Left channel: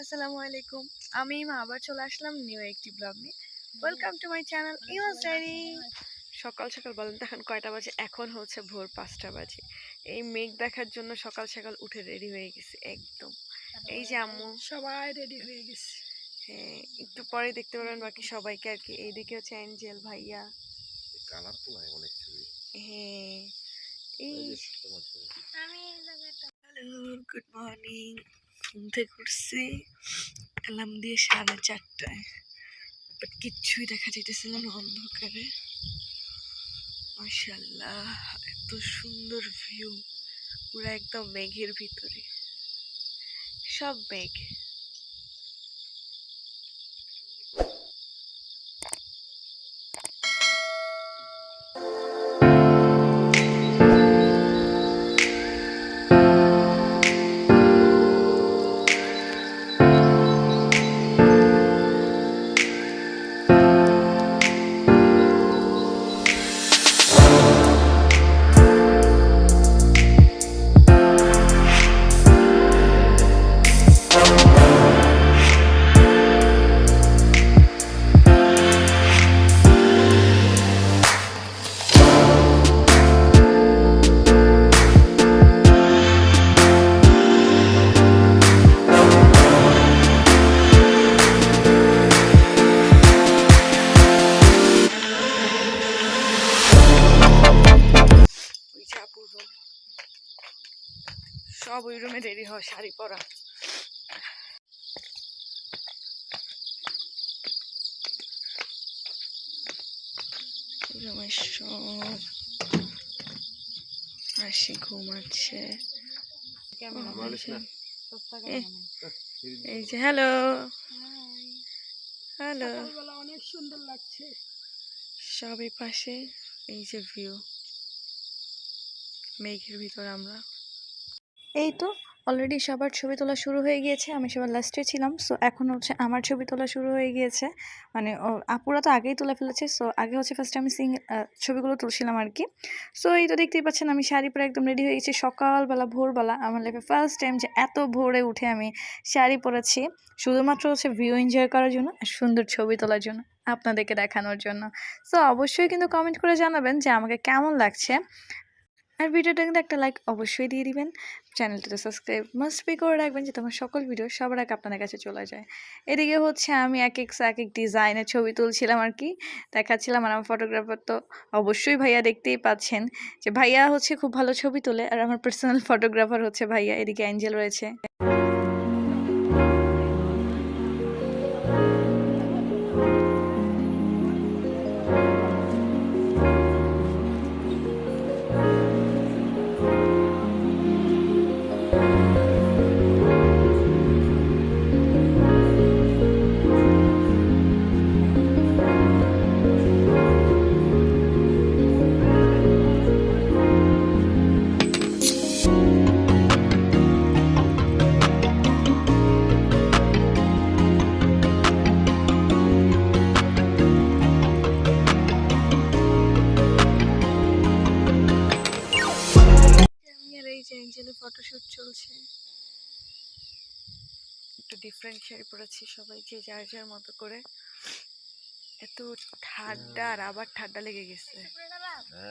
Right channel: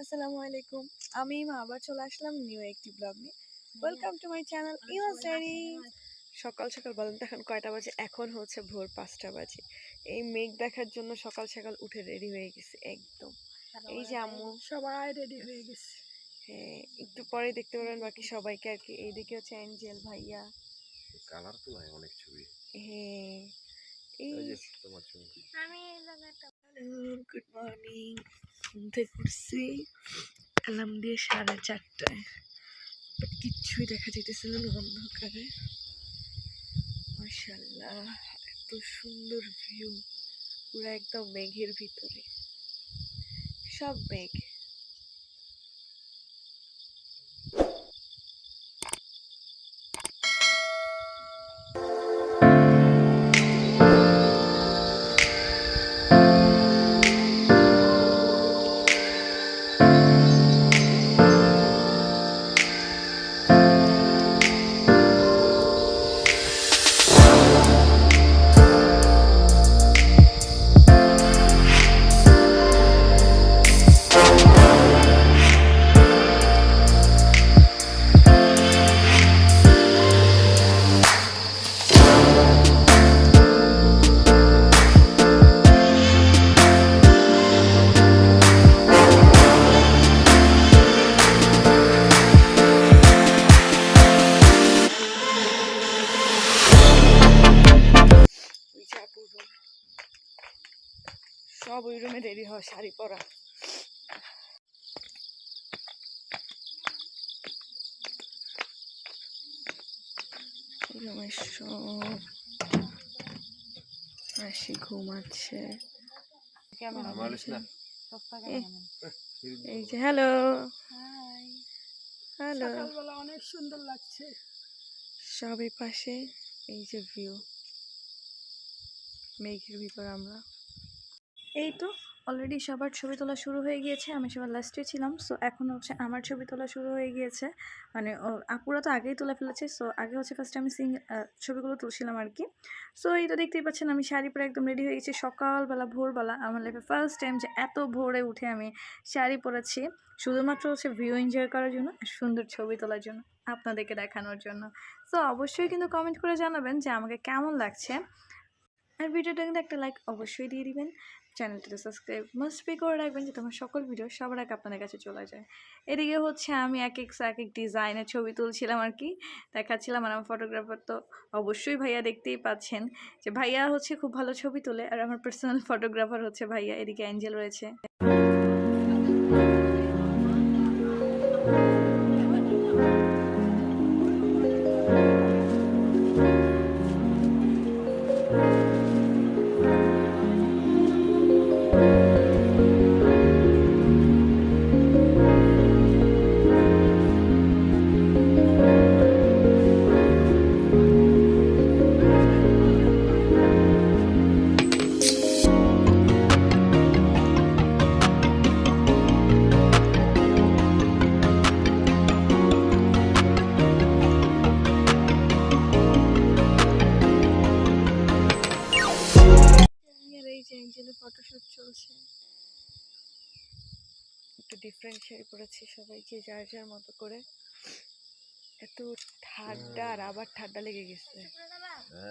আসসালামু আলাইকুম। আমি আবার চলে আসলাম নিউ একটি ব্লগ নিয়ে। ওয়েলকাম টু মাই চ্যানেল ইমাস ডায়েরি। সকাল সকাল বলেন তো এখন কয়টা বাজে? এখন হচ্ছে ভোর 5টা বাজে। এই মেঘ দেখার জন্য সকাল সকাল উঠে রেডি হয়ে গেছে একদম। এই যে আম্মু সবাই রেডি হয়ে গেছে। হ্যাঁ, একটু পরে দেখতে পারবেন বাকি সবাইকে আর কি। এইদিকে হচ্ছে অ্যাঞ্জেল ভাইয়া। কালারফুল হয় অনেক ছবি। হ্যাঁ, এই এই যে তোমার ছবি। Hello, good morning. ঘুম থেকে উঠছি অ্যালার্ম দিয়ে 4:30টায়। বাট কিচ্ছুই দেখা যেতেছিল না অন্ধকারে। মাশাআল্লাহ, এত সুন্দর ভিউ, পুরো একদম মেঘের ভিতরে, সব মেঘ। ওই যে আপুর room, সব ওই রুমে রেডি হয় শাড়ি পরা। রুমে সব হাসি ঘুমাচ্ছে। এই যে হ্যালো হ্যালো, সকালবেলা অনেক সুন্দর লাগছে। সবই পাশে। এই যে ভিউ, মেঘের ভিতর আমরা। এই তো অলরেডি সবার ছবি তোলা শুরু হয়ে গিয়েছে। আমি সবার লাস্টে ছিলাম, সো এখন হচ্ছে আমার ছবি তোলা শুরু হয়ে গিয়েছে। মানে আপুরা তো আগেই তুলে ফেলেছে, সো আগে হচ্ছে ফার্স্টে আমি ছবিগুলো তুলছিলাম আর কি। সো এই তো দেখতেই পাচ্ছেন আমি শাড়ি পরে একদম রেডি হয়ে গেছি সকালবেলা, ভোরবেলা। আমার লাইফে ফার্স্ট টাইম যে এত ভোরে উঠে আমি শাড়ি পরেছি, শুধুমাত্র হচ্ছে ভিউ এনজয় করার জন্য আর সুন্দর ছবি তোলার জন্য, আপনাদেরকে দেখানোর জন্য। সো অবশ্যই কিন্তু কমেন্ট করে জানাবেন যে আমাকে কেমন লাগছে। আর ভিডিওটা কিন্তু একটা লাইক অবশ্যই দিয়ে দিবেন। চ্যানেলটাতে সাবস্ক্রাইব মাস্ট বি করে রাখবেন, যাতে আমার সকল ভিডিও সবার আগে আপনাদের কাছে চলে যায়। এদিকে হচ্ছে আমি এক এক ডিজাইনের ছবি তুলছিলাম আর কি, দেখাচ্ছিলাম। আর আমার ফটোগ্রাফার তো অবশ্যই ভাইয়া, দেখতেই পাচ্ছেন যে ভাইয়া হচ্ছে খুব ভালো ছবি তোলে। আর আমার পার্সোনাল ফটোগ্রাফার হচ্ছে ভাইয়া। এদিকে অ্যাঞ্জেল রয়েছে। এই যে অ্যাঞ্জেলের ফটোশুট চলছে। একটু ডিফারেন্ট শাড়ি পরেছি, সবাই যে যার যার মতো করে। এত ঠান্ডা, আর আবার ঠান্ডা লেগে গেছে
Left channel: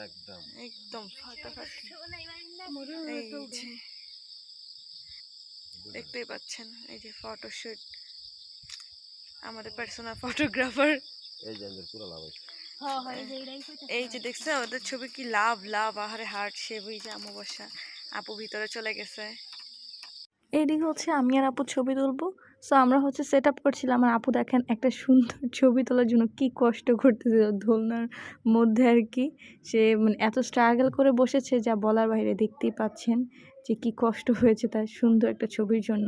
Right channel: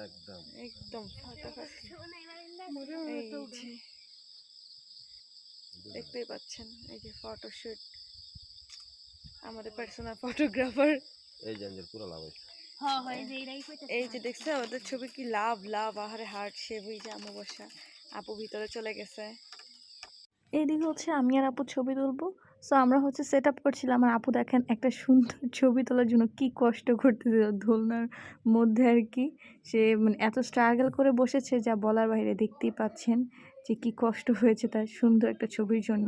একদম একদম ফাটাফাটি। এই যে দেখতেই পাচ্ছেন, এই যে ফটোশুট, আমাদের পার্সোনাল ফটোগ্রাফার। এই যে পুরো লাভ হয়েছে। এই যে দেখছে ওদের ছবি কি লাভ লাভ, আহারে হার্ট শেপ। ওই যে আমু বসা, আপু ভিতরে চলে গেছে। এইদিকে হচ্ছে আমি আর আপু ছবি তুলবো। সো আমরা হচ্ছে সেট আপ করছিলাম। আর আপু দেখেন একটা সুন্দর ছবি তোলার জন্য কি কষ্ট করতেছে দোলনার মধ্যে আর কি। সে মানে এত স্ট্রাগল করে বসেছে যা বলার বাইরে। দেখতেই পাচ্ছেন যে কি কষ্ট হয়েছে তার সুন্দর একটা ছবির জন্য।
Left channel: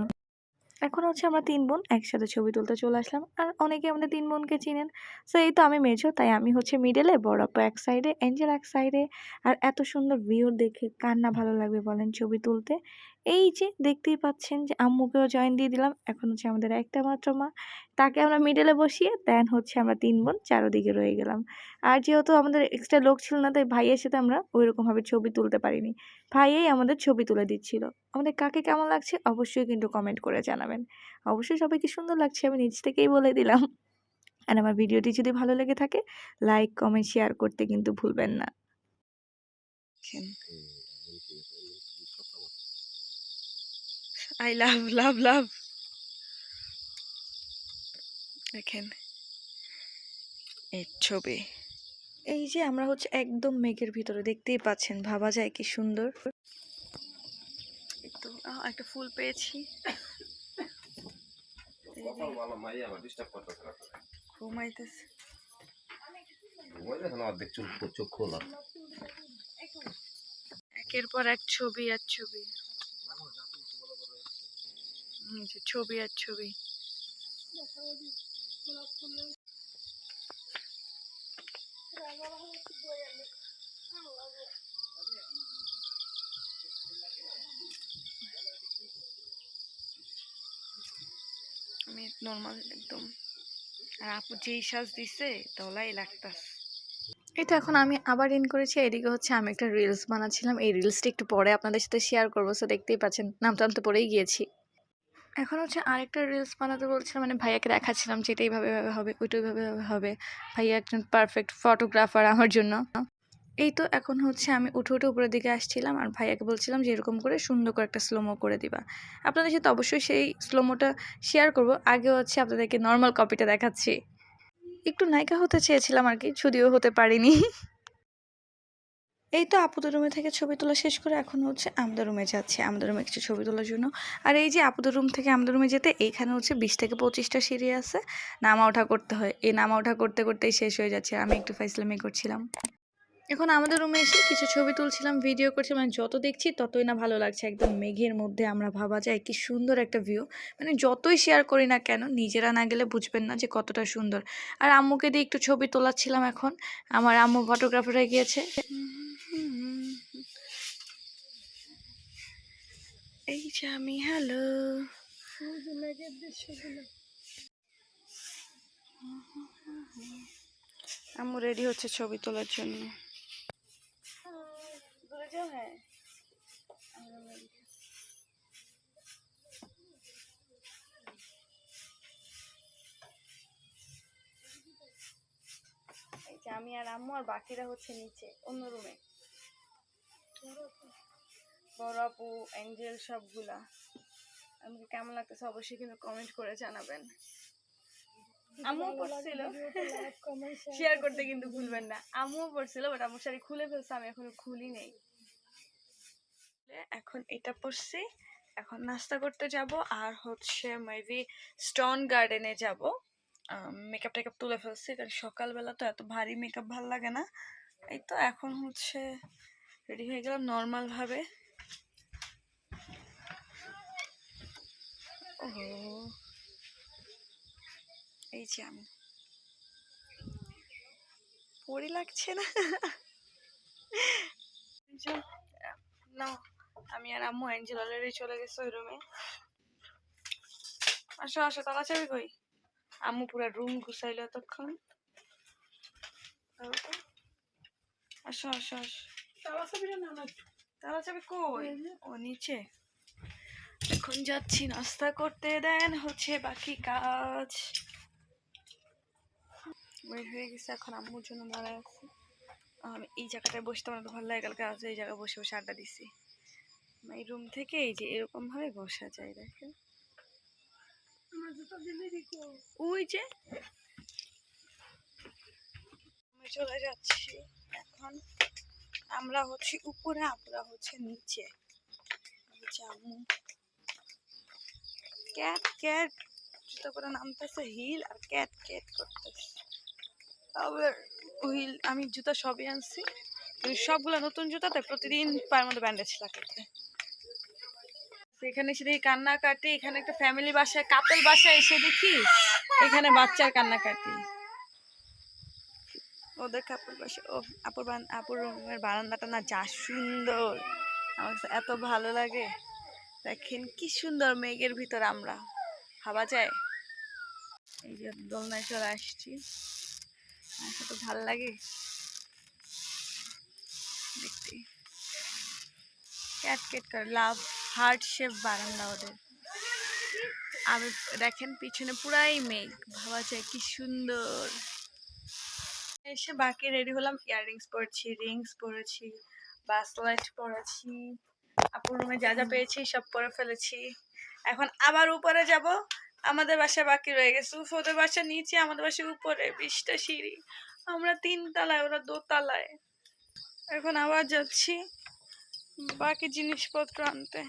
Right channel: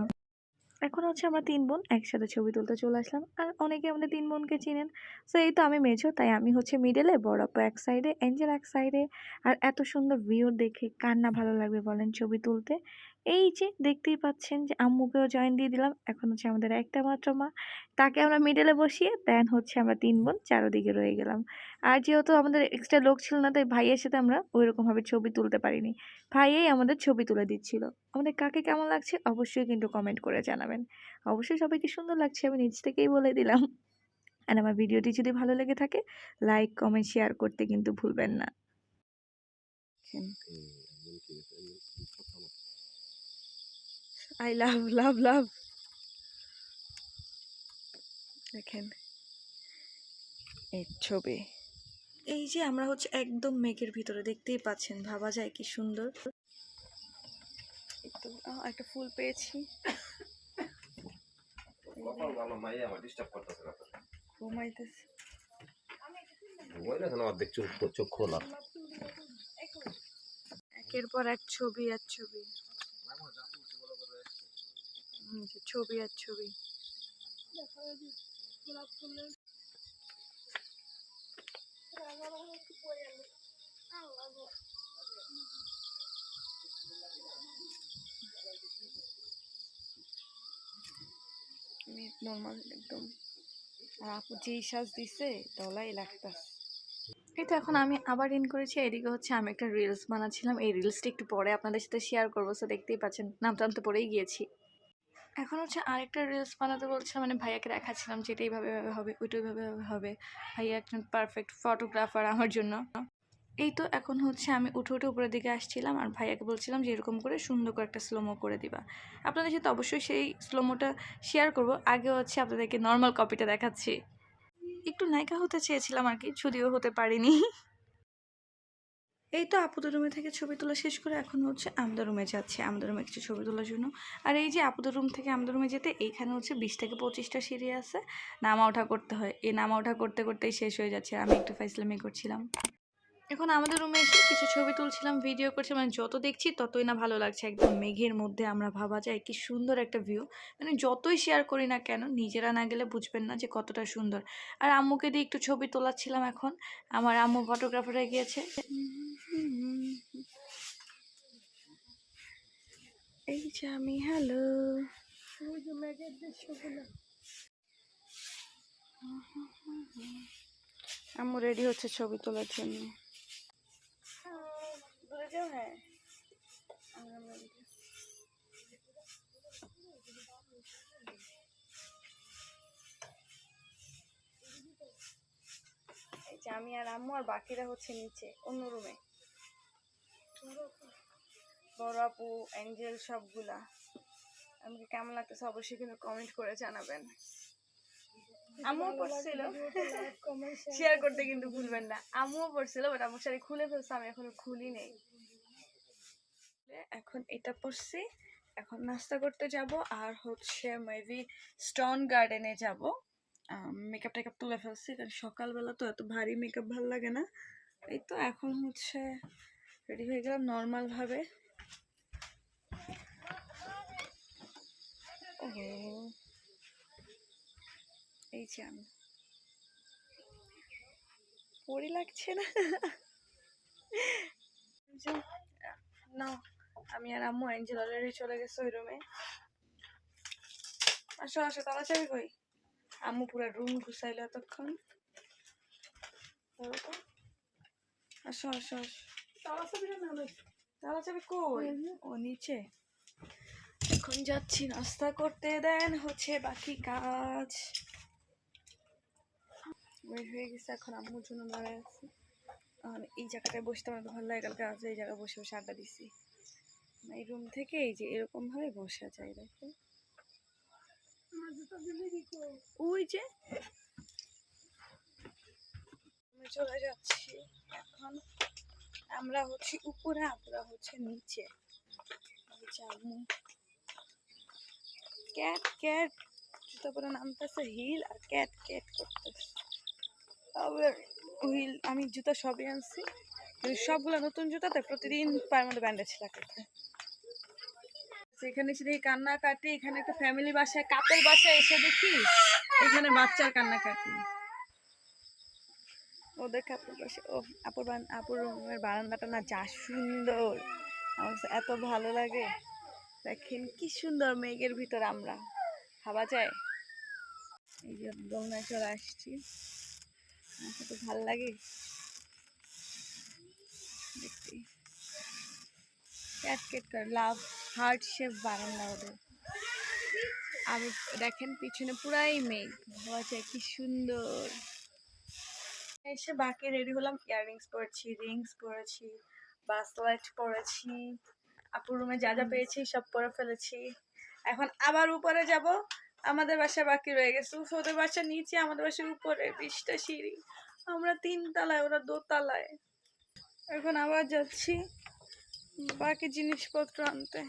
এখন হচ্ছে আমরা 3 বোন একসাথে ছবি তুলতে চলে আসলাম। আর অনেকে আমাদের 3 বোনকে চিনেন। সো এই তো আমি মেজো, তাই আমি হচ্ছে মিডলে, বড় আপু এক সাইডে, এঞ্জেল এক সাইডে। আর এত সুন্দর ভিউ দেখে কার না ভালো লাগবে বলেন ছবি তুলতে। এই যে দেখতেই পাচ্ছেন যে আম্মুকেও জয়েন দিয়ে দিলাম। এখন হচ্ছে আমাদের একটা মাত্র মা, তাকে আমরা মিডলে বসিয়ে দেন হচ্ছে আমরা 3 বোন চারোদিকে রয়ে গেলাম। আর যেহেতু আমাদের এক্সট্রা লোক ছিল না, তাই ভাইয়ের সাথে আমরা ওইরকমভাবে ছবি তুলতে পারিনি। ভাইয়াই আমাদের ছবি তুলে দিচ্ছিল। আমাদের কাকে কেমন লাগছে অবশ্যই কিন্তু কমেন্ট করে জানাবেন। অবশ্যই সবাইকে সুন্দর লাগছে আমি নিজ থেকেই বলে দিলাম। আর আমার ভিডিওটি যদি ভালো লেগে থাকে লাইক, কমেন্ট, শেয়ার করতে কিন্তু ভুলবেন না। আই লাভ লাভ লাভ। দেখেন এই ছবি। এই যে আমরা হচ্ছে একদম মেঘের ভিতরে, দেখতেই পাচ্ছেন, ভাবা যায় কি সুন্দর। একটু একটা ফুল পেয়েছি। ঘুমাইতেছে। চোখ খোলা। একের পর এক ছবি আর ছবি, ছবি আর ছবি। আমি নর্মাল একদম, আর আপু যেই সাজ দিছে দলাই লাগতাস। এই তো এখন আমি আবার ইন করেছি। এদিকে হচ্ছে আমি একটা রিলস বানাচ্ছিলাম, এই রিলসটা একটু পরে আপনাদের সাথে শেয়ার করবো। সো দেখতেই পাচ্ছেন নামটা তো পরেই গিয়েছি। এখন হচ্ছে আরেকটা রিলস বানাতে বলছিলাম, মানে ভাইয়াকে দেখাচ্ছিলাম যে এটা এইভাবে হবে, ওইটা ওইভাবে হবে। ভাইয়া একজন পারফেক্ট ফটোগ্রাফার আমার জন্য। এই তো এখন হচ্ছে আমি উঠে উঠে উপরের দিকে আসছিলাম, আর ভাইয়াকে বলছিলাম যে এরকম করে সুন্দর করে একটা স্লোমো করে দিবা। আপনাদের সাথে অবশ্যই সেই স্লোমোটা শেয়ার করব। আগে হচ্ছে আপনাদেরকে নর্মাল কপিটা দেখাচ্ছি। একটু নায়িকা হতে চেয়েছিলাম আর কি, যদিও হতে পারিনি। এই তো আপুদের রুমে থেকে ছবি তোলা শেষ করে এখন হচ্ছে আমাদের রুমে যাচ্ছে, আমাদের রুমে কিছু ছবি তোলার জন্য। আর এই যে আপুদের রুম থেকে আমাদের রুমে যেতে এইখানে হচ্ছে 20 থেকে 25টা সিঁড়ি আছে, নামা ওঠা করতে হয়। এই নামা ওঠা করতে করতেই শেষ হয়ে যাচ্ছে। আমি একটু ফাইজলামি করছিলাম। এখন আমাদের রুমে এসে কিছু ছবি তুলছিলাম, ভিডিও করছিলাম। মানে যত দেখছি ততই না ভালো লাগছে। একদম মেঘের মধ্যে আমরা, ভাবা যায় কি সুন্দর একটা ভিউ। মানে যতই শেয়ার করি না কেন নিজেরা না গেলে বুঝবেন না যে কতটা সুন্দর। আর আম্মুকে দিয়ে একটু ছবি তোলাচ্ছিলাম এখন। আমার আম্মু ফটোগ্রাফার হয়ে গিয়েছে। এই যে আমি, হ্যালো। ওই যে মেঘের দৃশ্যগুলো। আম্মু রেডি হচ্ছে ছবি তোলার জন্য। দূরে যাও, হ্যাঁ এই যে আমি আর আম্মু, আর বাকিরা হচ্ছে নিচে অন্য রুমে। বড় আপু, অ্যাঞ্জেল, সবগুলা। আমাকে কেমন লাগতেছে অবশ্যই কিন্তু কমেন্ট করে জানাবেন। আম্মুও পড়ছিল, শেয়ার করতে কিন্তু ভুলবেন না। আম্মুও পড়ছিল, বাট আম্মুর শাড়ি খুলে ফেলছে, আমি এখনো খুলি নেই। এখন এটা পড়ছি, এখন নাস্তা করতে যাব, আর হচ্ছে মেবি স্টোন গার্ডেনে যাব। মেকআপ টেকআপ তুলে ফেলছি, কারণ সকালবেলা তো এত ভারী মেকআপ ভাল লাগে না। এই তো এখন হচ্ছে রেডি হয়ে গেলাম নর্মাল ভাবে। ওহো, এই যে আমি পরি লাগছে না? না, আমি আর আম্মু, অ্যাঞ্জেল অলরেডি চলে গেছে ওই রুমে। আসো আসো, তালা চাবি কই? আম্মু পুরা রুম গুছাইলো এতক্ষণ। আসো আসো আসো। তালা চাবি কই? ও নিচে। এখন যাচ্ছি নাস্তা করতে, দেন হচ্ছে বাকি কাজ। বের হয়ে গেছে, এখন আম্মুর জন্য দাঁড়ায় আছি। আমি এই জায়গাটায় বসতে আমার ভালো লাগে, কালকে রাতে এই জায়গায় বসে বসে আড্ডা দিছি। এই রুম থেকে এই যে এরকম ভাবে বসা যায়, দেখেন। ওই যে আমি চলে যাচ্ছি এখন। আমরা হচ্ছে উপরে, আপুরা হচ্ছে নিচে। আম্মু ক্যাট ক্যাট জুতো পরে নামতেছে, হিল আর ক্যাট ক্যাট করতেছে। আবার হুইল, আমি জুতা সবই আনছি, কিন্তু সবগুলো নতুন জুতা, তাই প্রতিদিন পায়ের মধ্যে ব্যান্ডেজ লাগাইতে। এখানে এসে দেখি কান্নাকাটি। এখানে একটা ফ্যামিলি বাসায়, কাপল বাসায় এসে দেখি এখানে বাচ্চার কান্নাকাটি। ওদের কাপড় বাসা। ও আপুর রুমের বারান্দাটা না যা সুন্দর, আমার কাছে এত ভালো লাগে। দেখেন কি সুন্দর মেঘের ভিতর আমরা, ভাবা যায়। এই যে দোলনায় চলে আসছি, আচ্ছা, তো ভাল লাগে দেখতে। ক্যাট ক্যাট করে লাভ হার্ট শেপ বারান্দা ওদের। আমি দেখেন পিছনে পুরাই মেঘ, ভাবা যায় কি সুন্দর। এসে বাকি রেডি হলাম, ইয়াররিংস পরেছি, রিংস পরেছি, ব্রেসলেট পরেছি, আপুর রুমে যা যা পেয়েছি সব পরে ফেলেছি। এখন আবার উপরে যাব, আমাদের বাসা বাকি রয়ে গেছে। ওদের বাসা নিচে, আমাদের বাসা উপরে, 20টা সিঁড়ি, আমরা 3 তলায়, ওরা 2 তলায়। এখন আবার যাচ্ছি বাকি জিনিসপত্র আনতে।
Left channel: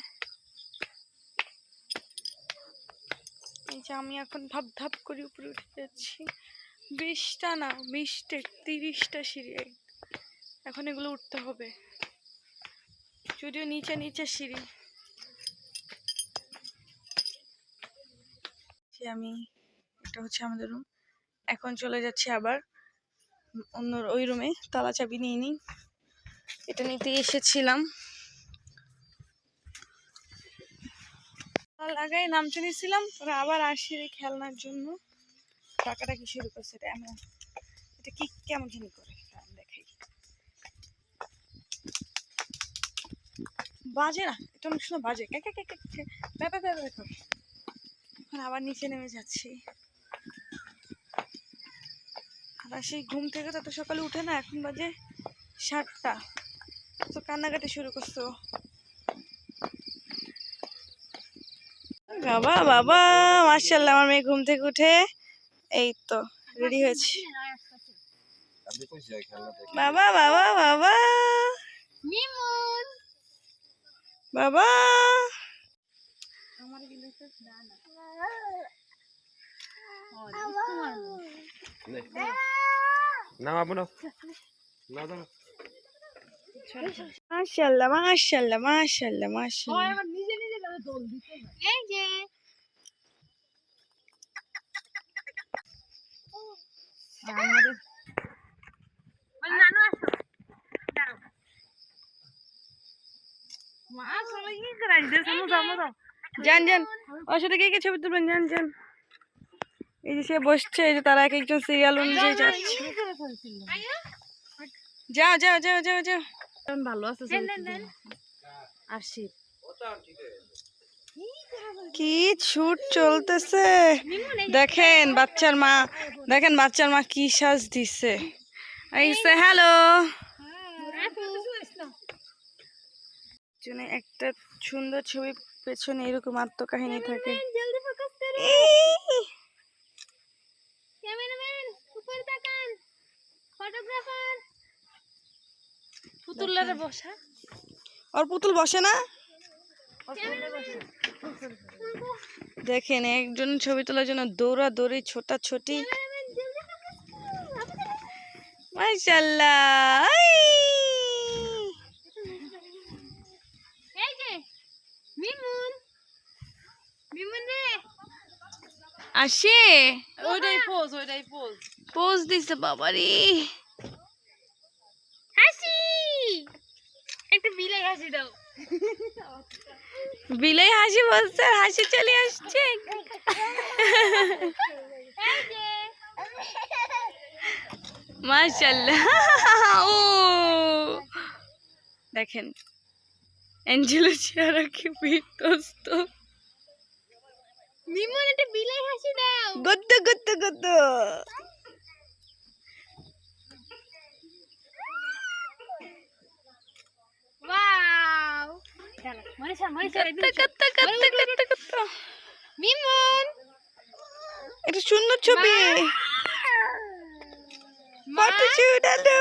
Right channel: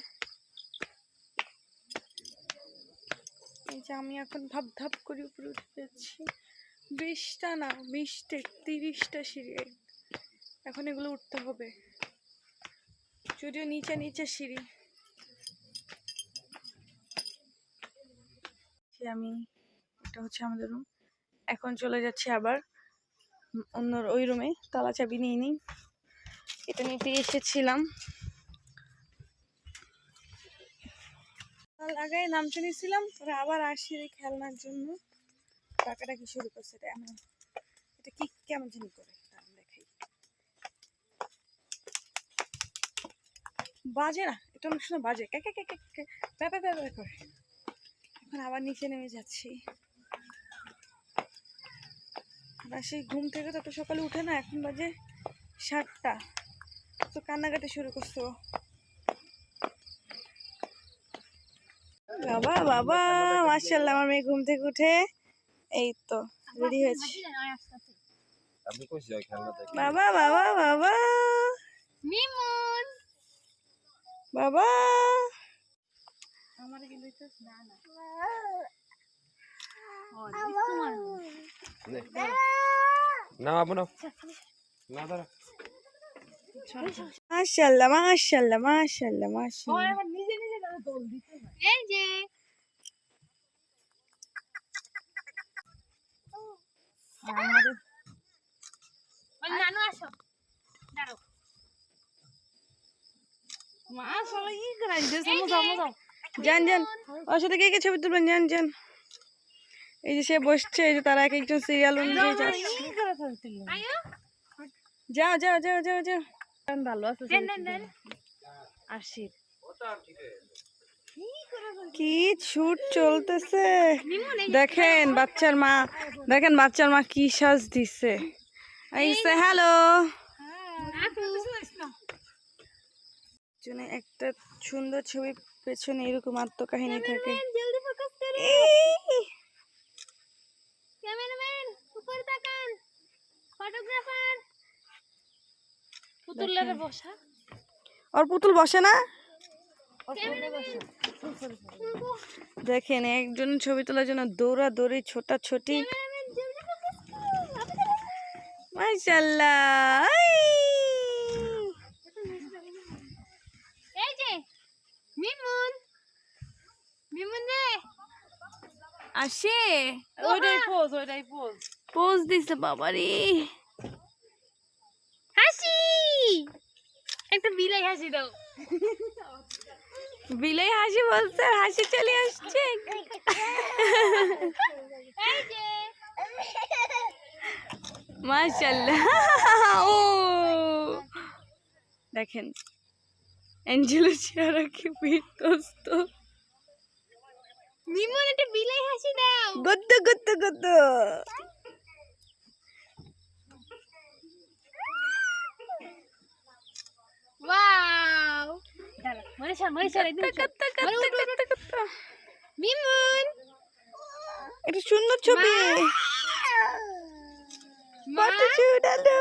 এই যে আমি এখন ধাপ ধাপ করে উপরে উঠে যাচ্ছি। 20টা না, 30টা সিঁড়ি, এখন এগুলো উঠতে হবে, যদিও নিচে নিচে সিঁড়ি। আমি, এটা হচ্ছে আমাদের রুম। এখন চলে যাচ্ছি আবার অন্য ওই রুমে, তালা চাবি নিয়ে নিই, এটা নিতে এসেছিলাম। লাগাই নামতে নিয়েছিলাম, ওরা আবার আসি খেলনার জন্য টাকাটা কি শুরু করছে। এটা কি কেমন জানি করে, দেখাই। বাজে না, এটা অনেক সময় বাজে, ব্যাপার ব্যাপার করে। এখন আবার নিচে নেমে যাচ্ছি। আর সেই ঘুম থেকে তত সকালে উঠে না, এখন বাজে 7টা, তো কান্নাকাটি শুরু করছো। বাবা বাবা, মাশাআল্লাহ, আমার মেয়ে ঘুম থেকে উঠে এই তো রেডি হয়েছে। আপনি কইছি ওই খেলনা থেকে বাবা বাবা বাবা মিমন বাবা, আমার কিন্তু না না ও তোমার নে না বাবু না না দাঁড়া মাশাআল্লাহ মাশাআল্লাহ মাশাআল্লাহ মাশাআল্লাহ। আবার নিজে নিজে তাহলে দোল দিতে এই যে আমাদের নানু আসো দাঁড়াও মা সবাই কি করাই দে সমোসা সমোসা যান যান, ওর সাথে কে কে ছবি তুলবেন, যান যান। এই যে সে বসছে, এই যে তারা এক একজন সিরিয়াল অনুযায়ী যাচ্ছে। যাও যাও যাও যাও যাও। ভালো আছে আসি কি ছুট চলতেছে, দেখেন বাচ্চার মা, দেখেন বাচ্চার মা কি সাজ দিছে। এই সে হ্যালো, জন্য একটা সুন্দর ছবি পেছনে এরকম আত্মকাহিনী থাকে। জলদি ফোকাস করো ক্যামেরাম্যান উপরে তাকান ফটোগ্রাফার পুতুলরে বসা ওর পুতুল বসে না, ক্যামেরাম্যান দেখেন একজন ছবি তোলার জন্য দৌড়াদৌড়ি ছোটাছুটি। ক্যামেরাম্যান জলদি ফোকাস করো মাশাআল্লাহ, এই যে মিমুন মিমুন রে আসে ওইটাই পোজ পোজ দিছে বাবারে। হাসি একটা বিলাই হাসি দাও বিলাই হাসি বলছে, হাসি চলে আসছে। এই যে মাশাআল্লাহ, ও দেখেন অ্যাঞ্জেলো চেহারা কি বিধ্বস্ত। মিমুন একটা বিলাই হাসি দাও গদ্দ গদ্দ গদ্দ। ওয়াও চলো মনীষা গদ্দ গদ্দ গদ্দ গদ্দ গদ্দ। মিমুন এটা সুন্দর ছবি, ফটো শুট। হ্যালো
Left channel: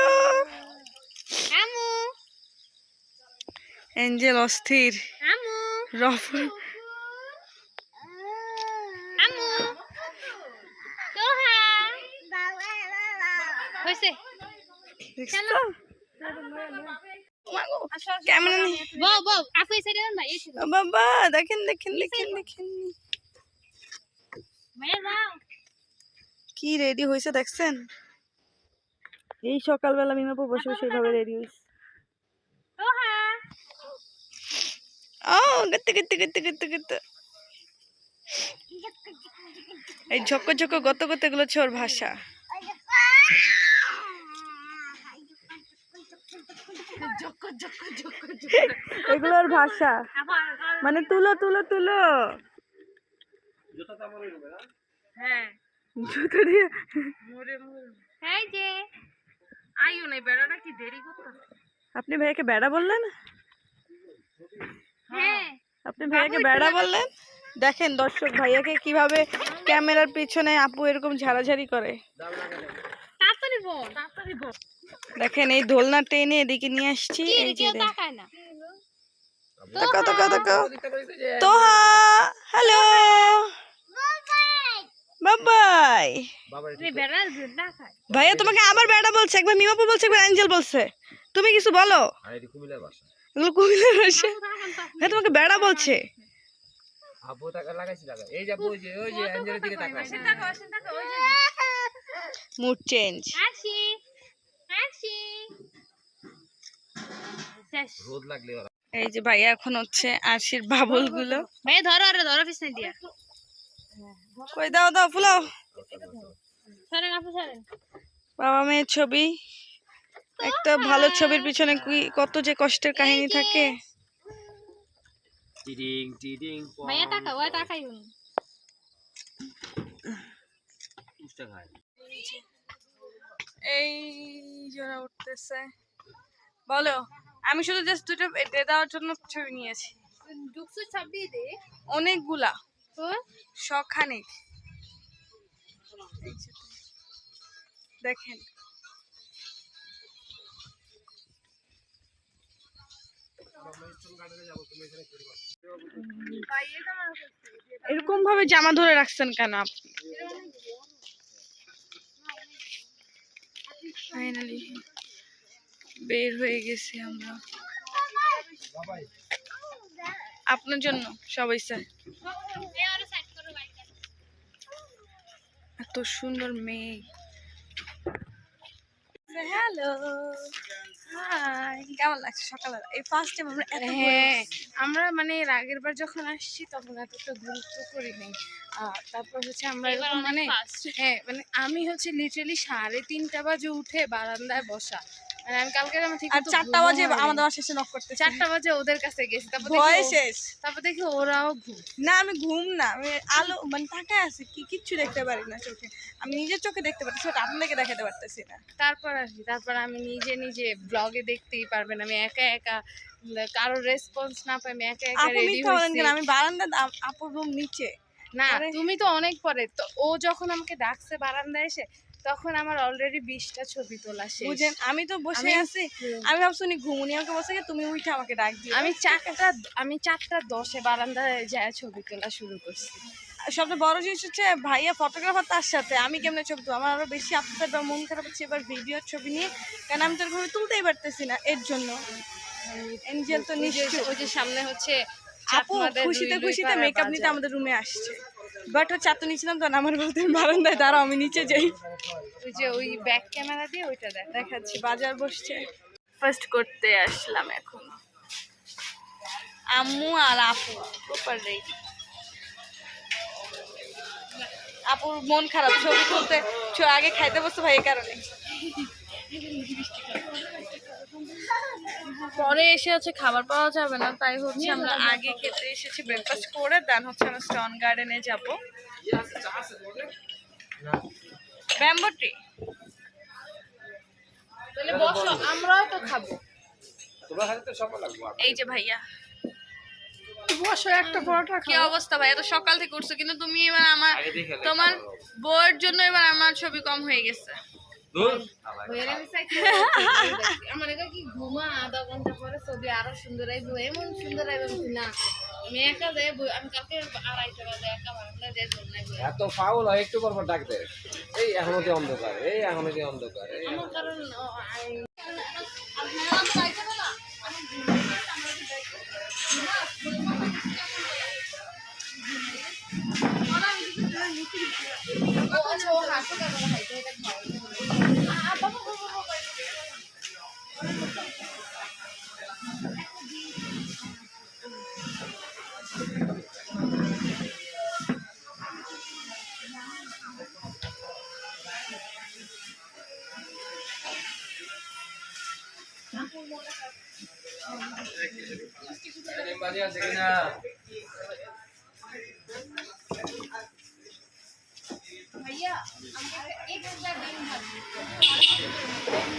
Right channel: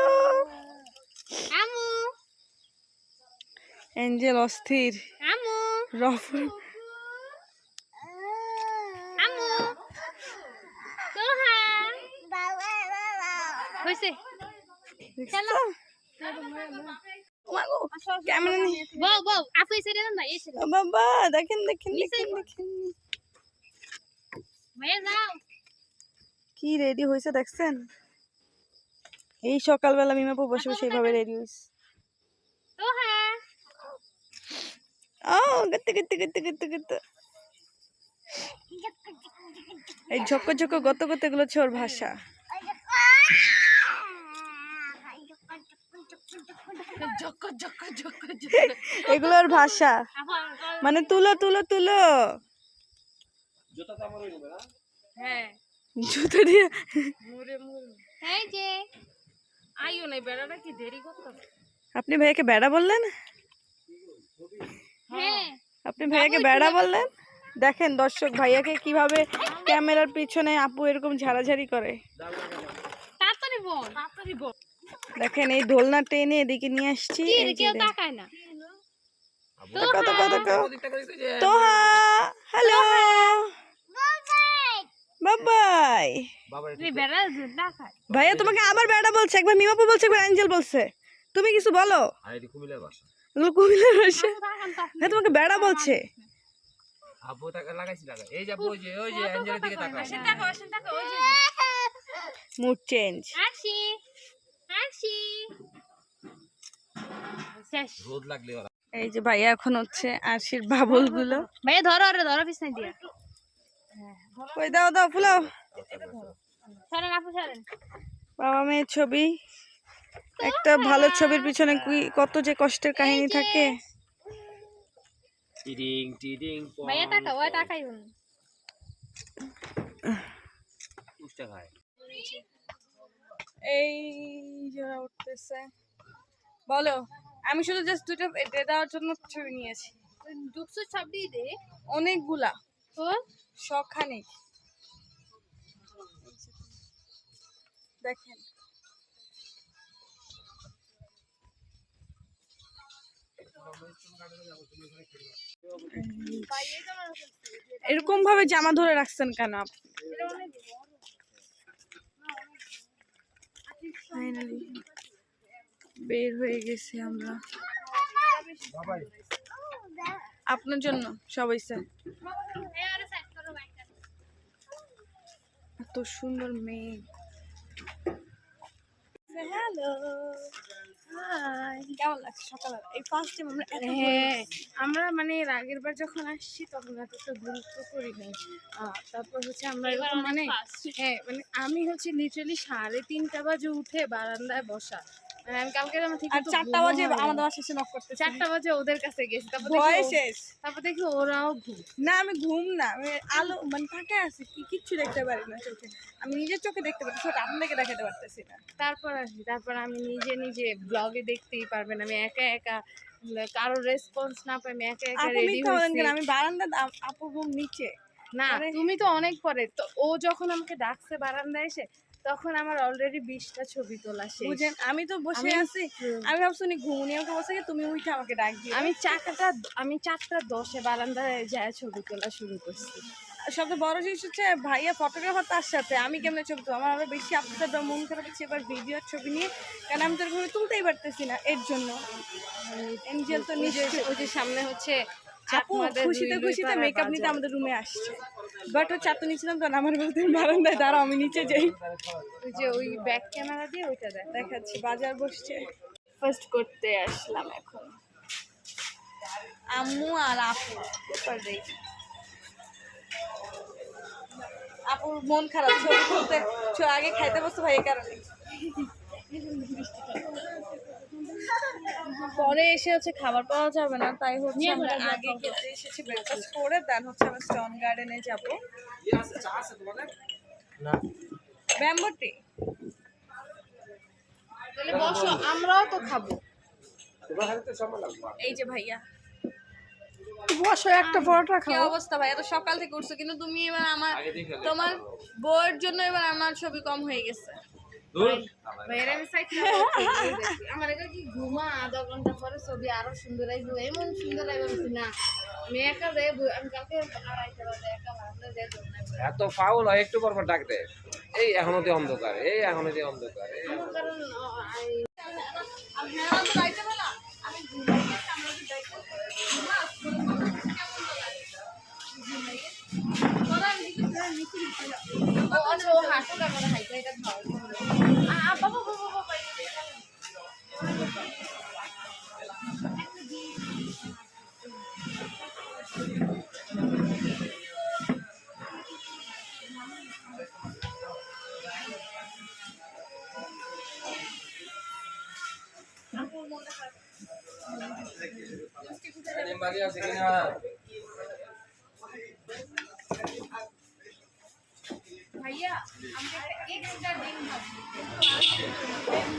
আমু অ্যাঞ্জেল অস্থির, আমু রফল আমু তোহা হইছে দেখছো। ক্যামেরা নেই বউ বউ আপু এসে দেন ভাই এসে ও বাবা, দেখেন দেখেন দেখেন দেখেন ভাইয়া যাও কি রেডি হয়েছে দেখছেন। এই সকালবেলা মিমাপু বসে বসে এইভাবে রেডি হয়েছে। তোহা ও গত্তে গত্তে গত্তে গত্তে গত্তে, এই ঝক্ক ঝক্ক গত গত এগুলো হচ্ছে ওর ভাষা। তুলোর ভাষা, মানে তুলো তুলো তুলো। হ্যাঁ জুতো দিয়ে মুরে মুরে এই যে আইও নাই বেড়াটা কি দেরি করতাম। আপনি ভাইয়াকে বেড়া বললেন? হ্যাঁ আপনি ভাইয়াকে বেড়া বললেন? দেখেন দর্শক, ভাইয়াকে কিভাবে ক্যামেরার পিছনে আপু এরকম ঝাড়াঝাড়ি করে। তাড়াতাড়ি বল তাড়াতাড়ি বল। দেখেন এই দোলনা টেনে এদিকে নিয়ে আসছি। কি এই যে কেউ তাকায় না। তাকাও তাকাও তাকাও। তোহা, হ্যালো, বাবাই। তুই বেড়া দেখায় ভাইয়া তোমাকে আবার বেড়া বলছে, একবার মিমাপু বলছে, একবার অ্যাঞ্জেল বলছে। তুমি কিছু বলো। আর এটি কুমিল্লার ভাষা। এগুলো কুমিল্লার ভাষা। ভাইয়া তোমাকে বেড়া বলছে। আপু টাকা লাগাইছি লাগা। এই যে আপু, ওই যে অ্যাঞ্জেলের দিকে তাকাও। তাকাও ওই যে মুড চেঞ্জ। হাসি হাসি শেষ। রোদ লাগলে ওরা এই যে ভাইয়া এখন হচ্ছে আরশির বাবুল গুলো। ভাই ধরো আরে ধরো পিছনে দিয়া কই দাও দাও ফুলাও। সরেন আপু সরেন। বাবা মেয়ের ছবি, একটা ভালো ছবির পিছনে কত যে কষ্টের কাহিনী থাকে। টিডিং টিডিং পং। ভাইয়া টাকা ওই টাকাই উনি উষ্টা খায়। এই জোড়া উঠতেছে। বলো, আমি শুধু জাস্ট দুটো দিয়ে দেওয়ার জন্য ছবি নিয়েছি। দুঃখু ছাবড়ি দে অনেকগুলা, তো শখানেক। দেখেন এরকম ভাবে জামা ধরে রাখছেন কেন আপনি? ফাইনালি বের হয়ে গেছি আমরা আপনার জন্য সবাই স্যার। এত সুন্দর মেয়ে। হ্যালো, হাই, কেমন লাগছে সকালবেলা? এই ফার্স্ট টাইম আমরা এত হ্যাঁ আমরা মানে এর আগের বার যখন আসছি তখন এতটা গুরুত্ব করি নাই। তারপর হচ্ছে আমরা এরকম মানে হ্যাঁ মানে আমি হচ্ছে লিটারালি 3:30 বাজে উঠে বারান্দায় বসা। মানে আমি কালকে আমার ঠিক আর মতো 4টা ঘুমও বাজে হয়নি। আমাদের বাসায় এসে নক করতে 4টা বাজে ওদের কাছে গেছি তারপর ভয় দেখি শেষ। তারপর দেখি ওরাও ঘুম। না আমি ঘুম না, আমি আলো মানে তাকায় আছি, কিচ্ছু দেখতে পারি না চোখে। আমি নিজের চোখে দেখতে পারতেছি, ওটা আপনাকে দেখাতে পারতেছি না। তারপর আসি তারপর আমি নিজে নিজে ব্লগে দেখতেই পারবেন আমি একা একা কারোর রেসপন্স না পাই আমি একা একা আপু রেডি মিথ্যা বলেন হইছি। কেন? আমি বারান্দা, আপুর রুম নিচে। না আরে। তুমি তো অনেক পরে তো ও যখন আমাকে ডাকছে বারান্দায় এসে তখন আমার অলরেডি 20টা ছবি তোলা শেষ। বুঝেন, আমি তো বসে আছি, আমি ভাবছি উনি ঘুমুনি, আমাকে বলছে কি তুমি উঠে আমাকে ডাক দিও। আমি 4:10 বারান্দায় যায় ছবি তোলা শুরু করছি। সবচেয়ে বড় জিনিস হচ্ছে ভাইয়া ফটোগ্রাফার, তার সাথে আমি কেমনে ছবি তুলবো? আমার আরো বেশি আপসেট বা মন খারাপ হচ্ছে এবার ভিডিওর ছবি নিয়ে, কারণ আমি তো এরকম তুলতেই পারতেছি না এর জন্য। এঞ্জেল তো নিশ্চয় ওই যে সামনে হচ্ছে আপু চাকমাদের খুশিতে দুই খুশিতে পাড়ার মেকআপ নিতে বাজার। আমাদের রুমে আসছে, বাট হচ্ছে এত নিয়েছিলাম তখন আমার বলতে বারান্দায় দাঁড়াও আমি নিচে যাই। ওই যে ওই ব্যাক ক্যামেরা দিয়ে ওইটা দেখাচ্ছি বাজার বসছে, ফার্স্ট করতে আসলাম এখন। আম্মু আর আপু প্রপার রেডি। আপুর মন খারাপ, ছবি তুলতে আগে খাইতে বসতে ভাই এই কারণে। পরে এসে হচ্ছে খাবার পাওয়া যাবে না, তাই হচ্ছে আমরা আগে খেতে এসেছি ব্রেকফাস্ট করে, দেন হচ্ছে আমরা স্টন গার্ডেনে যাব। Bamboo tree. তাহলে বসো আমরাও তো খাবো। তোমার হাতে তো সময় লাগবে। এই যে ভাইয়া, বসো একটা পরোটা কি অবস্থা ভাইয়া? তো সকাল থেকে উঠছো কিন্তু তুমি এবার আমার, আগে দেখে লে। তোমার বউয়ের জন্য এবার আমার ছবি কম হয়ে গেছে। দূর। আমার একা কি ঘুমা আধা ঘন্টা পরে ছবি আরো সুন্দর আইবো এমন সুন্দর আইবো না আমি একা যাই আমি কালকে 2:30 বাজে একা ভাবলে যাই নাই এত ফাউল হয় একটু পর পর ডাক দে। এই এখনো যে অন্ধকার, এই এখনো যে অন্ধকার। আমার কারণ ও হাঁটু ক্যামেরা হাইতে এটা খাও বাবা বাবা বাবা ভাইয়া আমাকে একটা এক্সট্রা ডিম ভাজি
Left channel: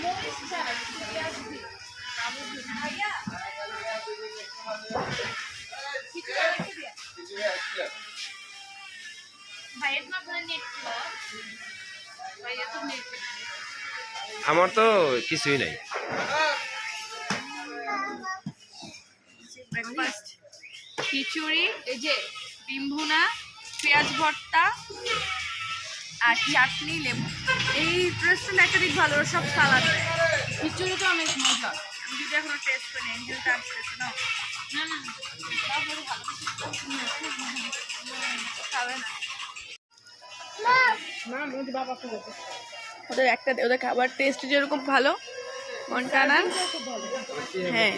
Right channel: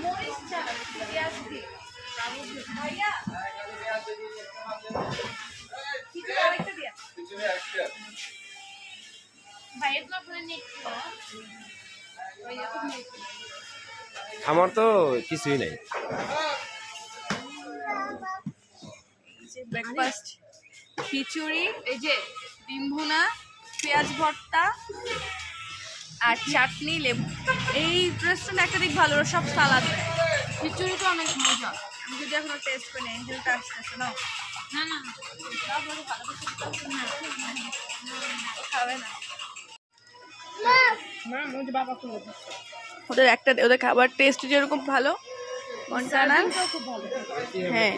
মরিচ ছাড়া পেঁয়াজ দিয়ে ভাইয়া কিছু আরেকটা দিয়া ভাইয়া তোমার ফোনে নেট ভাইয়া তো নেট আমার তো কিছুই নাই। ব্রেকফাস্ট খিচুড়ি, এই যে ডিম ভুনা, পেঁয়াজ ভর্তা আর চাটনি, লেবু। এই রেস্টুরেন্ট একটা দিক ভালো, সব সালাদ দেয়। খিচুড়িটা অনেক মজা। আমি যদি এখনো টেস্ট করি না, এনজলটা আসতেছে না। না না তারপরে ভালো কিছু খাবে না। মা মুঝে বাবা খুলে ওদের খাবার টেস্ট যেরকম ভালো, মন্টানা খুব ভালো। হ্যাঁ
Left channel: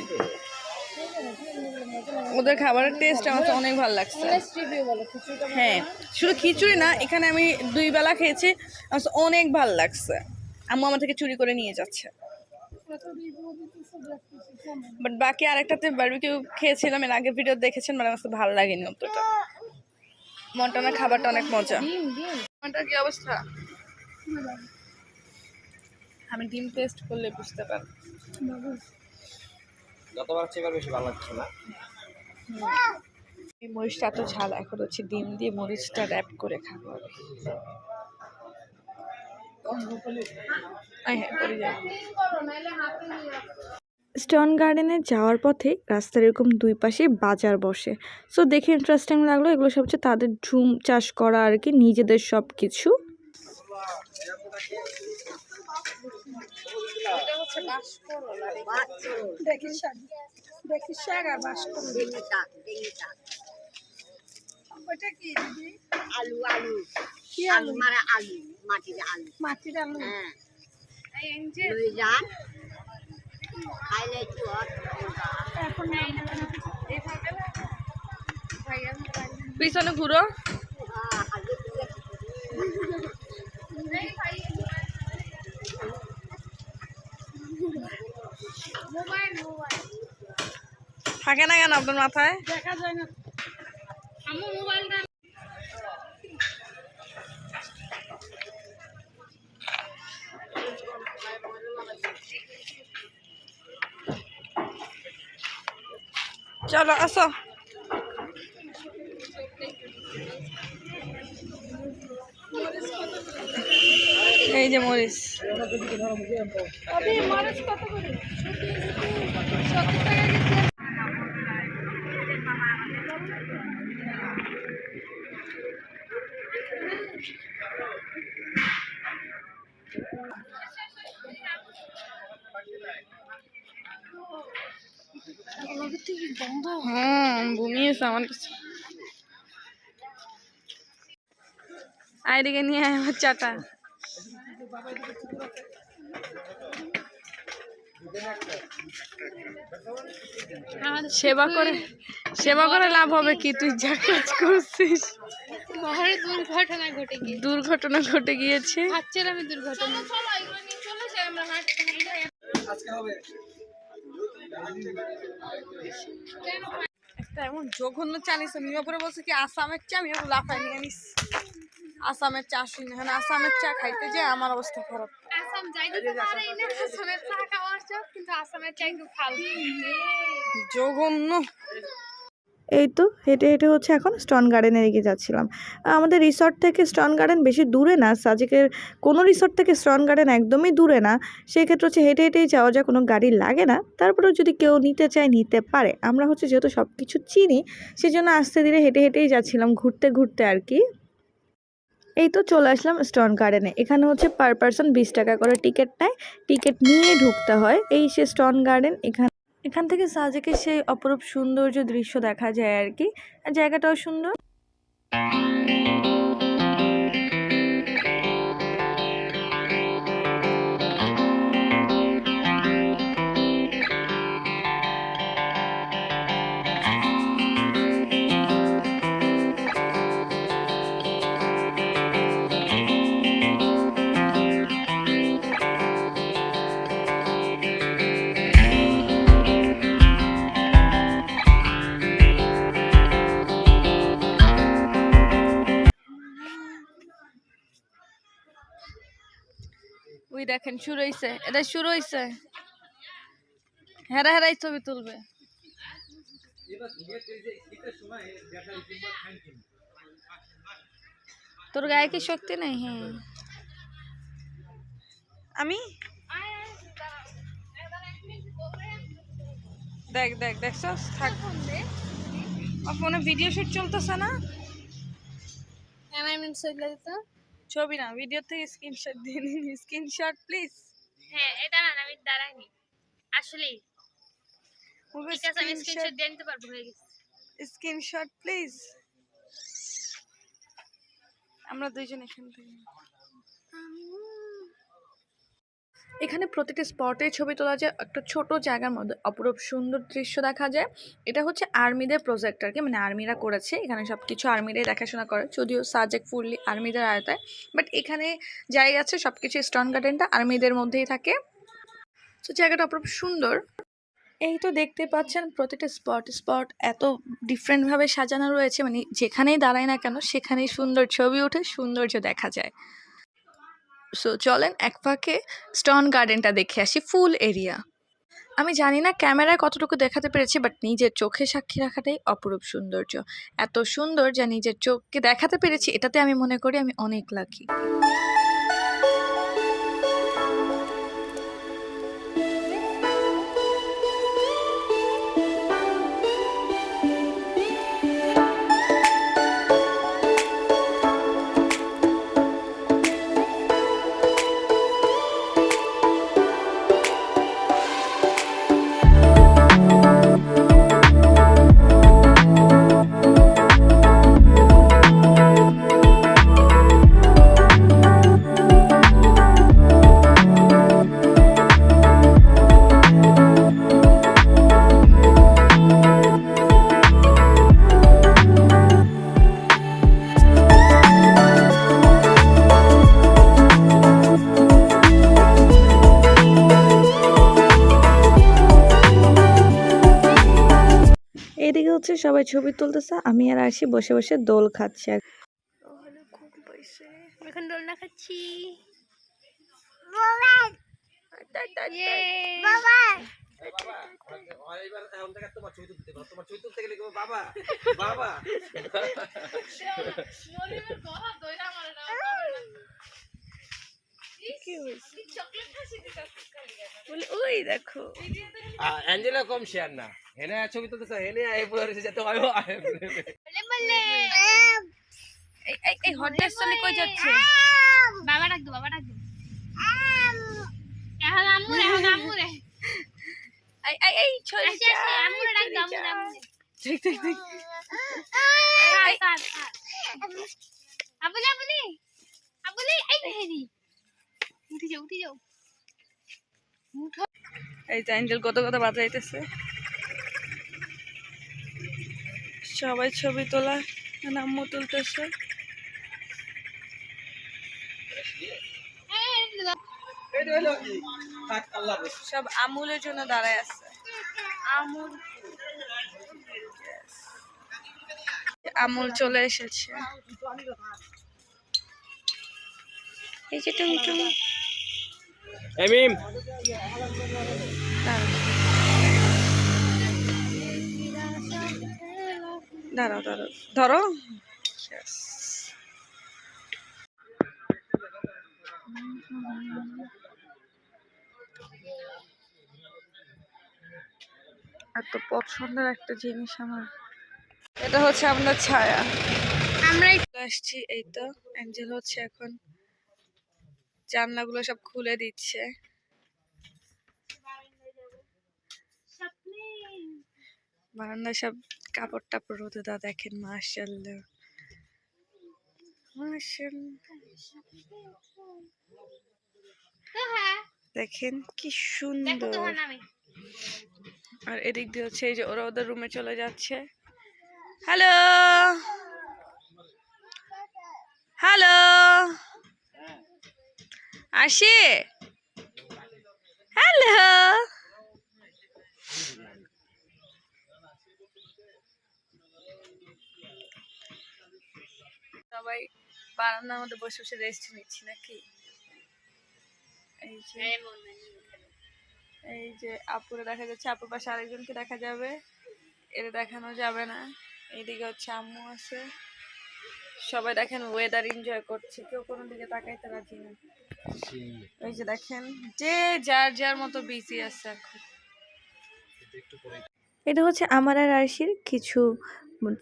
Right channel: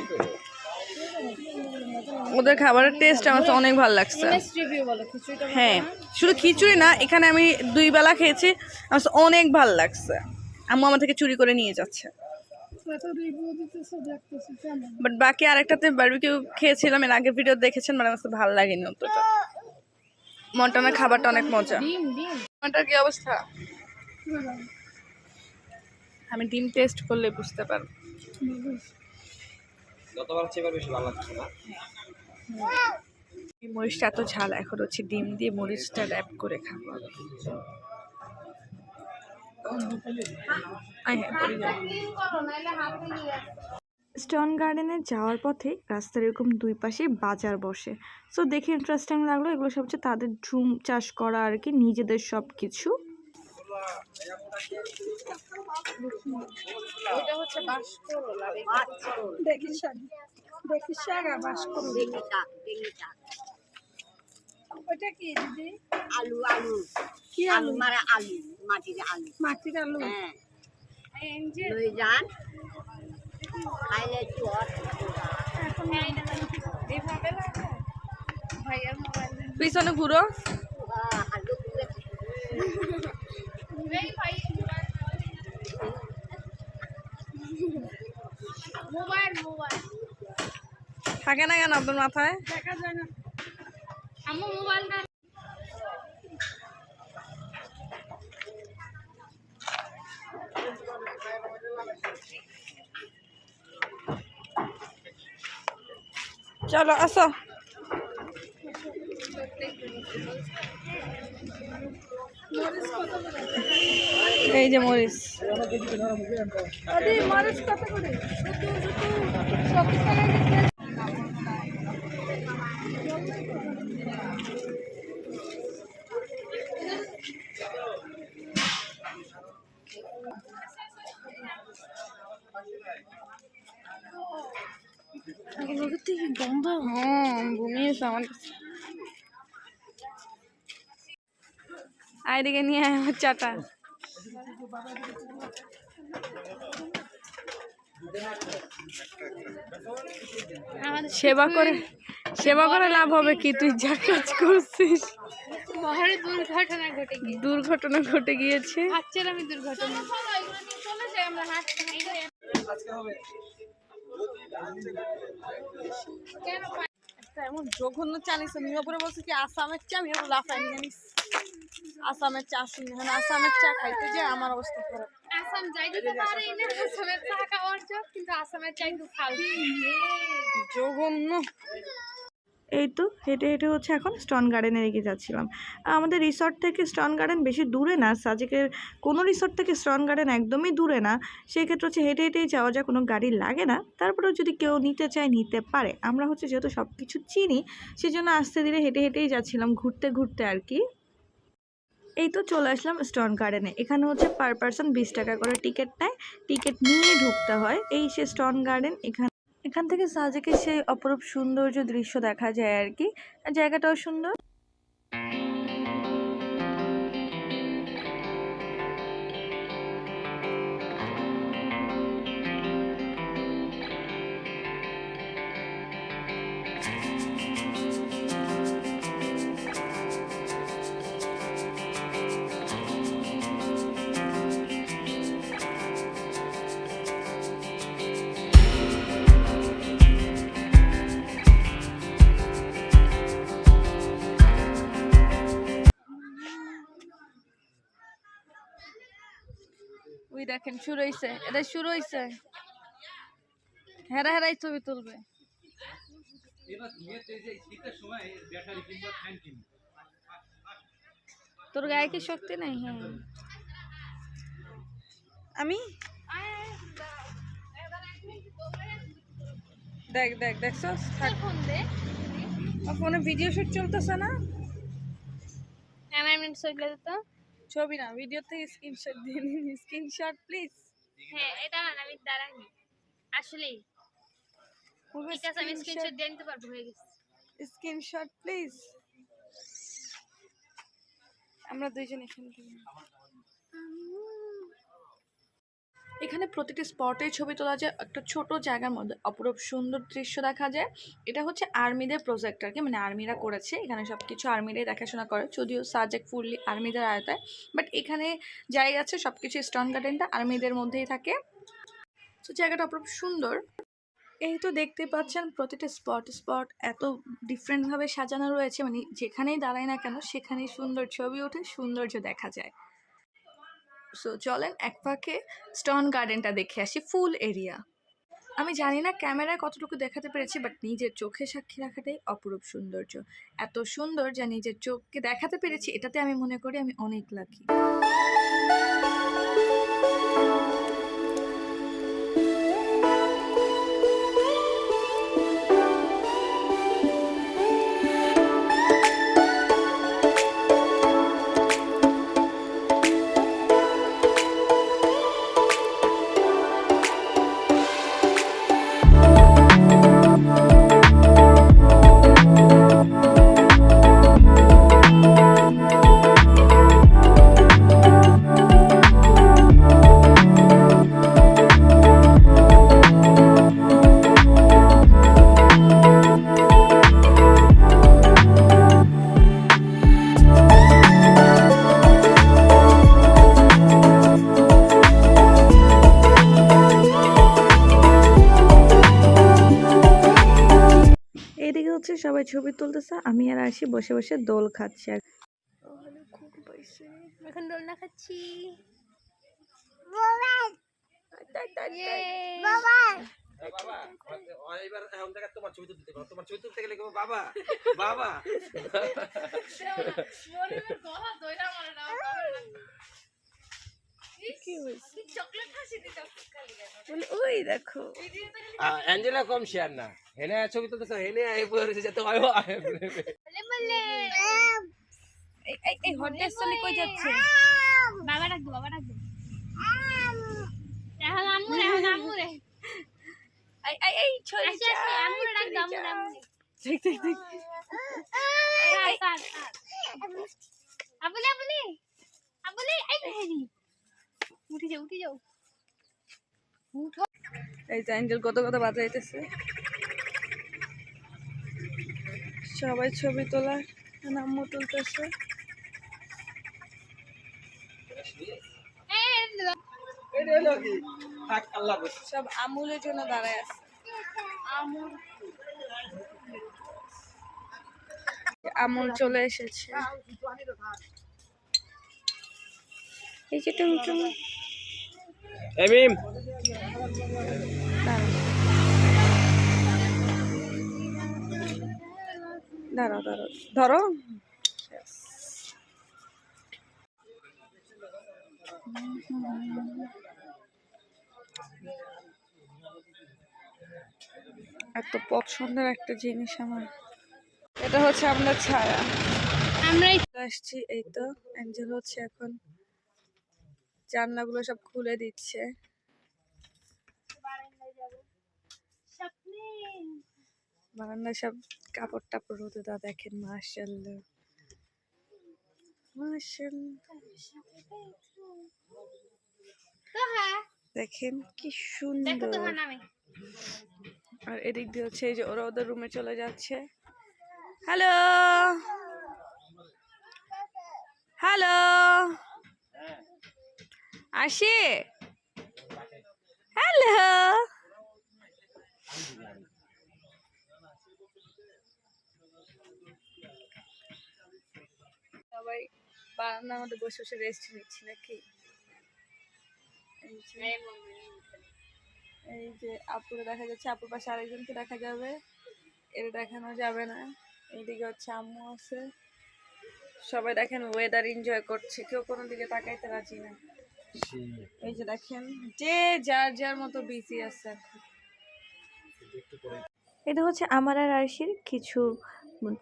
ওদের খাবারের টেস্ট আমার তো অনেক ভালো লাগছে। অনেস্ট রিভিউ বলো খিচুড়িটা হ্যাঁ শুধু খিচুড়ি না, এখানে আমি 2 বেলা খেয়েছি, আমার তো অনেক ভালো লাগছে। আম্মু আমার থেকে চুরি করে নিয়ে যাচ্ছে। কত রিভিউ দিতেছে দেখতেছি কেমন। বাট বাকি আরেকটাতে বারবিকিউ খেয়েছিলাম, এর আগের ভিডিও দেখেছেন, মানে আমার তো ভালো লাগেনি অতটা। মন্টানার খাবারটা অনেক মজা। ডিম ডিম মন্টার কি অবস্থা? আমি ডিম টেস্ট করলে বুঝতে পারবো। যতবার চেয়ে বেশি ভালো লাগছে না। এই মরিচটা এত ঝাল, এখন হচ্ছে ডিম দিয়ে মরিচটা র্যাপ করে খাবো আমি। হ্যাঁ পড়ে যায়। করো নাইলে হাতে নিয়ে স্টন গার্ডেনে যাওয়ার পথে রাস্তার এরকম 2 পাশে বাজার বসে। সো দেখে ইন্টারেস্টিং লাগলো। এগুলো সব হচ্ছে তাদের ঝুম চাষ করা আর কি, নিজেদের সব কিছু। এটা হচ্ছে বাঁশকরলা দেখি শাক আর বাস করো ওটা কি দিদি? আলু আলু কি আলু আলু? মারা আলু মাটির আলু মাটির আলু। হ্যাঁ এই এনজে লই যান খাইলে চুয়ার এইভাবে লাগো ভাইয়ার মোবাইল পিছনে ঘুরো। এই ভাইয়া মোবাইল মোবাইল থাকে না কেন আপনার মাথায়? দেখা যায় না। আম্মু মোবাইলটা চলো আসো। এই যে মরিচ। আরে মরিচ কত করে? 70 টাকা কেজি। হ্যাঁ ঘুমিয়েছে আমার কাছে। আইদিকে নিয়ে আয় আমার চাটা। সেবা করে লাভ হবে কি? তুই যা কাজ করছিস। মহারে দুর্ঘটনা ঘটে গিয়েছে। দুর্ঘটনা ঘটে গিয়েছে। ভাবছিলাম দুর্ঘটনা চলে যাই আমরা হাঁটতে একটা এমন জঘন্য চা নিছে, মিয়াপুরে বলছে কি আসামের চা, মিয়াপুর লাফাই নিয়ে নিস। আসামের চা শুনি না, আসামের চা খাইতে যে আমার অবস্থা খারাপ। আসাম যাইতে তো পারেই না আসামের চা খাওয়ার চোখ, কিন্তু আসামের চা একটু ফালতু জঘন্য। এই তো হেঁটে হেঁটে হচ্ছে এখন স্টন গার্ডেনে এগিয়ে যাচ্ছিলাম। আমাদের রিসর্ট থেকে স্টন গার্ডেন বেশি দূরে না, সাজেকের কোনো রিসর্ট থেকে স্টন গার্ডেন একদমই দূরে না। সেই ক্ষেত্রে হচ্ছে হেঁটে হেঁটেই যাওয়া যায়, কোনো গাড়ি লাগে না। তারপরেও যদি কেউ নিতে চায় নিতে পারে। আমরা হচ্ছে যেহেতু সব কিছু চিনি, সেই জন্য আস্তে ধীরে হেঁটে হেঁটেই যাচ্ছিলাম, ঘুরতে ঘুরতে আর কি। এই তো চলে আসলাম স্টন গার্ডেনে। এখানে হচ্ছে পার পারসন 20 টাকা করে টিকিট নেয়, টিকিট নিয়ে ঢুকতে হয়। এই সে স্টন গার্ডেন। এখান থেকে সাজেকের সেই অপরূপ সৌন্দর্য দৃশ্য দেখা যায় আর কি। জায়গাটাও সুন্দর। ওই দেখেন শুরু হইছে, এটা শুরু হইছে। হেরা হেরাই ছবি তুলবে। তোর গায়ে কি শক্তি নেই? হ্যাঁ আমি দেখ দেখ দেখছস, থাক ফোনে ভিডিও শুট চলতেছে না, ক্যামেরাম্যান সইলে দিত। ছবি না ভিডিও থেকে স্ক্রিনশট দিয়ে নিন, স্ক্রিনশট প্লিজ। হ্যাঁ এটা না আমি দাঁড়াইনি আসলেই ঠিক আছে, আমি স্ক্রিনশট দিয়ে নিতে পারবো, হয়ে গেছে। Screenshot please. আমরা দুইজন এখান থেকে, এখানে প্রতিটি স্পটে ছবি তোলা যায়, একটা ছোট জায়গার মধ্যে অপরূপ সুন্দর দৃশ্য দেখা যায়। এটা হচ্ছে আর্মিদের প্রজেক্ট আর কি, মানে আর্মিরা করেছে, এখানে সব কিছু আর্মিরাই দেখাশোনা করে, যদিও সাবজেক্ট ফুললি আর্মিদের আয়তায়, বাট এখানে যাই আছে সব কিছু স্টোন গার্ডেনটা আর্মিদের মধ্যেই থাকে। তো জায়গাটা অপরূপ সুন্দর। এই তো দেখতে পাচ্ছেন প্রতিটা স্পট এত ডিফারেন্টভাবে সাজানো রয়েছে, মানে যেখানেই দাঁড়ায় না কেন সেখানেই সুন্দর ছবি ওঠে, সৌন্দর্য দেখা যায়। সো চলেন এক ফাঁকে স্টোন গার্ডেনটা দেখে আসি, ফুল এরিয়া। আমি জানি না ক্যামেরায় কতটুকু দেখাতে পেরেছি, বাট নিজের চোখে সাক্ষী রাখাটাই অপরূপ সৌন্দর্য। এত সুন্দর যা নিজের চোখকে দেখাতে পেরেছি, এটাতে আমি মনে করি আমি অনেক লাকি। এদিকে হচ্ছে সবাই ছবি তুলতেছে, আমি আর আসি বসে বসে দোল খাচ্ছে। এখন দোলনা খাচ্ছি। এবার এখন থেকে তোমার ছবি তুলতে পারো, তোমার ছবি তুলতে গেলে কেউ বাবা বাবা। ওই দেখো অ্যাঞ্জেলা কম শেয়ার না, হেনে ছবি তুলতেছে, হেনে এই পুরো যেতে হয়। এই হট ড্রেস চলে কই যাচ্ছে? বাবা ডাক দো, বাবা ডাক দো। এখন আম্মু রে, এখন আম্মু রে। এই চলে আসি আসি, আম্মু রে ডাক দো, আম্মু রে, আম্মু রে। দেখ দেখ দেখ। স্যার আবুলে আবুলে আবুলে, এই হেরি উঠে যাও, উঠে যাও। এই যে অ্যাঞ্জেল কত কত বাজাইতেছে, সবাই ছবি তোলা, আম্মু তুলতেছে। সব আমুলের জন্য দাঁড়ায় আছে। আমুল আমুল চলে এসেছে। এই যে টুমটুম, এমিম দাঁড়াও দাঁড়াও ধরো। এত পছন্দের একটা জিনিস আমার, এটা হচ্ছে আমাদের ছায়া। আমরাই আসছি, এই তো অ্যাঞ্জেল হচ্ছে এখন জানলাগুলো সব খুলে দিচ্ছে। বারান্দায় সব কাপড় টাপড় রোদে দা, দেখেন মাশাআল্লাহ মাশাআল্লাহ, তো হ্যাঁ দেখেন কি দেখো সুন্দর। তোমার নামে। আর এদিক দিয়ে হচ্ছে এই যে ওরা ওদের রুমে চলে যাচ্ছে। হ্যালো হ্যালো, আসি, হ্যালো। সবাই বারান্দার মধ্যে বসে বসে রেস্ট নিচ্ছি নাকি? এই যে আপুরে দেখা যাচ্ছে, আপুর পাশে আরেকজনকে দেখা যাবে, এটা দেখানো যাবে না। এইদিকে হচ্ছে আম্মু আছে, সবাই দেখেন ওয়েদার এনজয় করছে, কেউ কোনো দিকে তাকাইতে রাজি না। ওই যে দেখেন যে যার যার মতো বিজি আছে এখন। এটা হচ্ছে আমার আর আরশির কিছু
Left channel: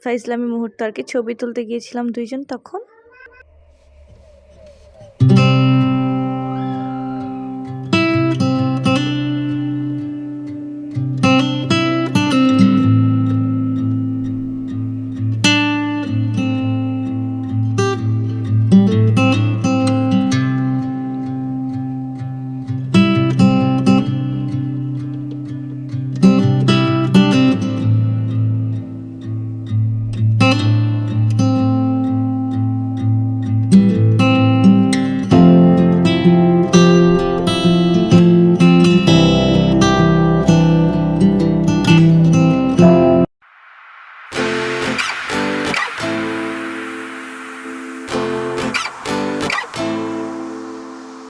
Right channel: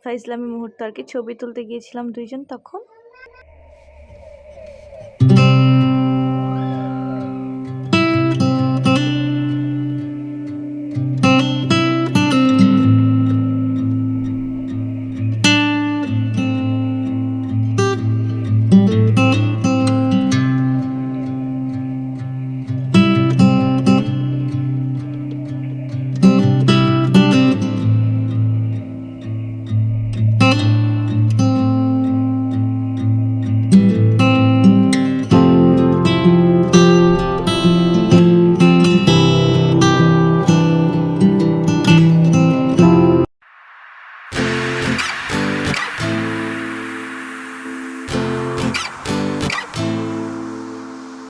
ফাইজলামি মুহূর্ত আর কি, ছবি তুলতে গিয়েছিলাম দুইজন তখন।